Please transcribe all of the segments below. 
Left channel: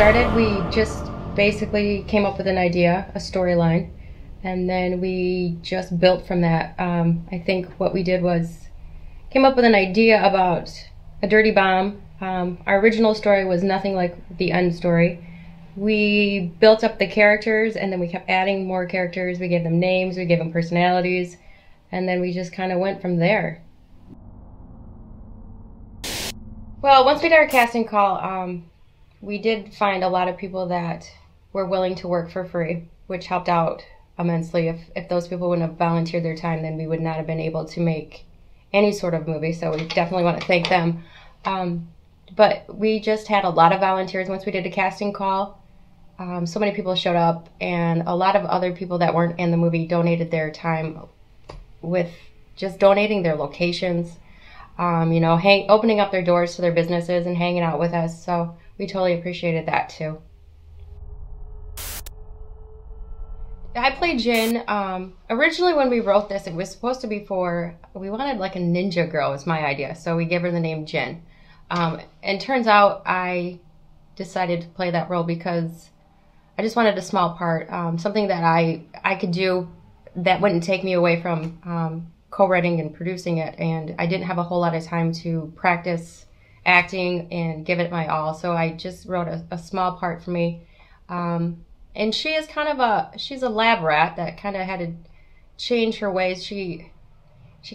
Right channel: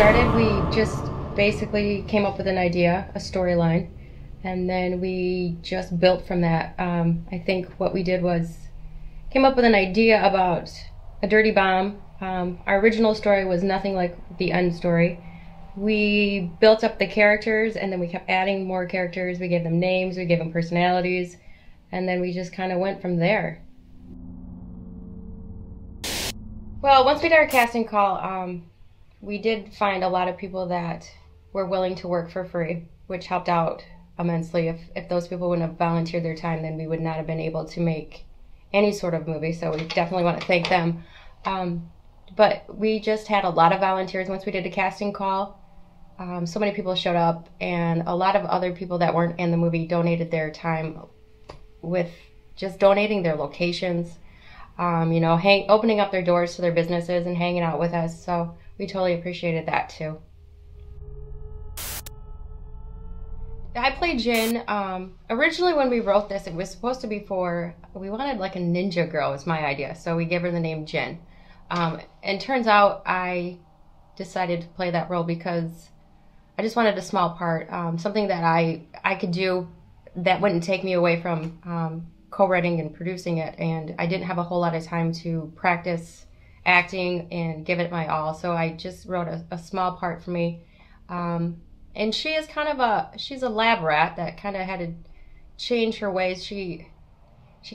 started, we just basically came up with an idea, a storyline, and then we just built from that. I think what we did was came up with an idea about a dirty bomb. Our original story was nothing like the end story. We built up the characters, and then we kept adding more characters. We gave them names, we gave them personalities, and then we just kind of went from there. Well, once we did our casting call, we did find a lot of people that were willing to work for free, which helped out immensely. If those people wouldn't have volunteered their time, then we would not have been able to make any sort of movie, so we definitely want to thank them. But we just had a lot of volunteers once we did a casting call. So many people showed up, and a lot of other people that weren't in the movie donated their time with just donating their locations, you know, opening up their doors to their businesses and hanging out with us. So we totally appreciated that too. I played Jin. Originally when we wrote this, it was supposed to be we wanted like a ninja girl was my idea. So we gave her the name Jin. And turns out I decided to play that role because I just wanted a small part, something that I could do that wouldn't take me away from co-writing and producing it. And I didn't have a whole lot of time to practice acting and give it my all. So I just wrote a small part for me. And she is kind of she's a lab rat that kind of had to change her ways. She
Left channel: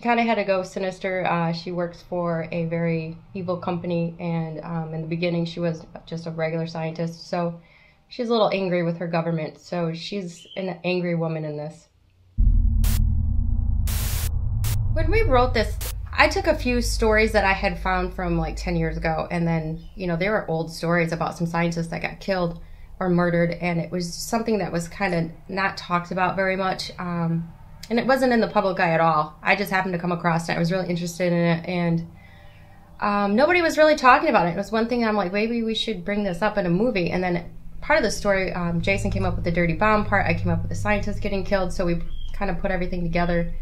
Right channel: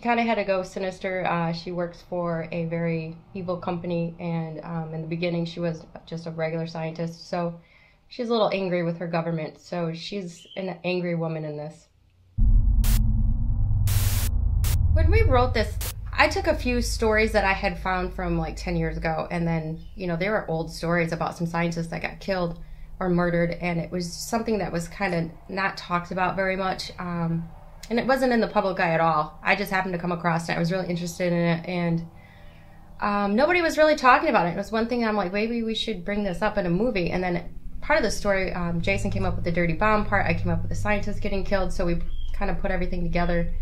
kind of had to go sinister. She works for a very evil company, and in the beginning she was just a regular scientist. So she's a little angry with her government. So she's an angry woman in this. When we wrote this, I took a few stories that I had found from like 10 years ago, and then, you know, they were old stories about some scientists that got killed or murdered, and it was something that was kind of not talked about very much. And it wasn't in the public eye at all. I just happened to come across it. I was really interested in it, and nobody was really talking about it. It was one thing I'm like, maybe we should bring this up in a movie. And then part of the story, Jason came up with the dirty bomb part. I came up with the scientist getting killed. So we kind of put everything together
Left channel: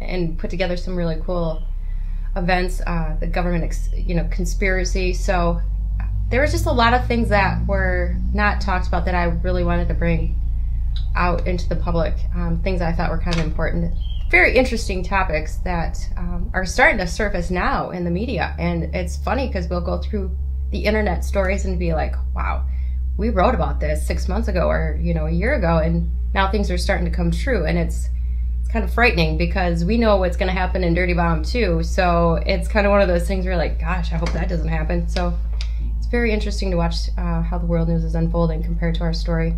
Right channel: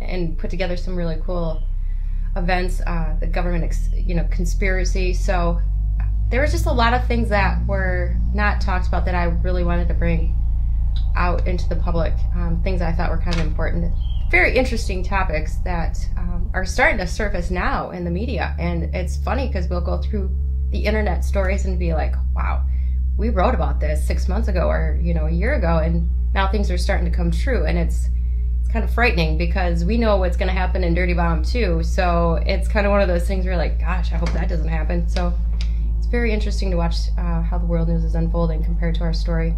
and put together some really cool events, the government, conspiracy. So there was just a lot of things that were not talked about that I really wanted to bring out into the public, things I thought were kind of important. Very interesting topics that are starting to surface now in the media. And it's funny because we'll go through the internet stories and be like, wow, we wrote about this 6 months ago or, a year ago, and now things are starting to come true. And it's kind of frightening because we know what's going to happen in Dirty Bomb too. So it's kind of one of those things where you're like, gosh, I hope that doesn't happen. So it's very interesting to watch how the world news is unfolding compared to our story.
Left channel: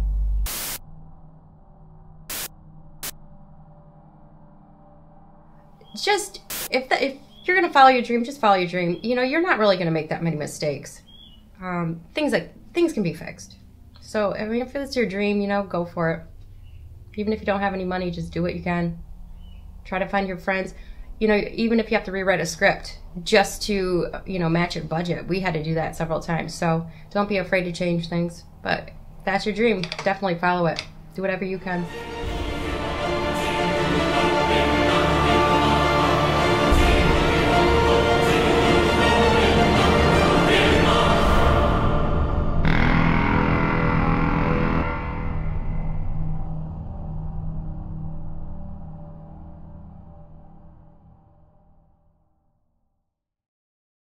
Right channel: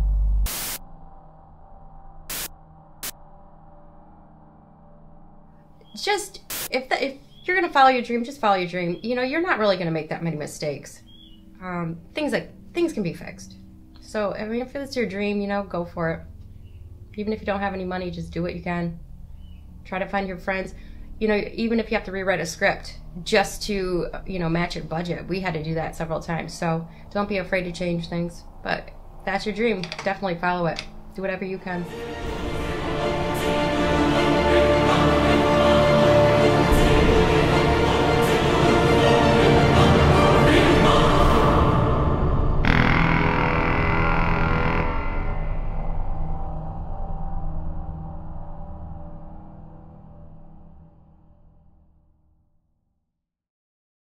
Just, if you're going to follow your dream, just follow your dream. You're not really going to make that many mistakes. Things can be fixed. So, I mean, if it's your dream, go for it. Even if you don't have any money, just do what you can. Try to find your friends. Even if you have to rewrite a script just to, match your budget. We had to do that several times. So don't be afraid to change things. But if that's your dream, definitely follow it. Do whatever you can.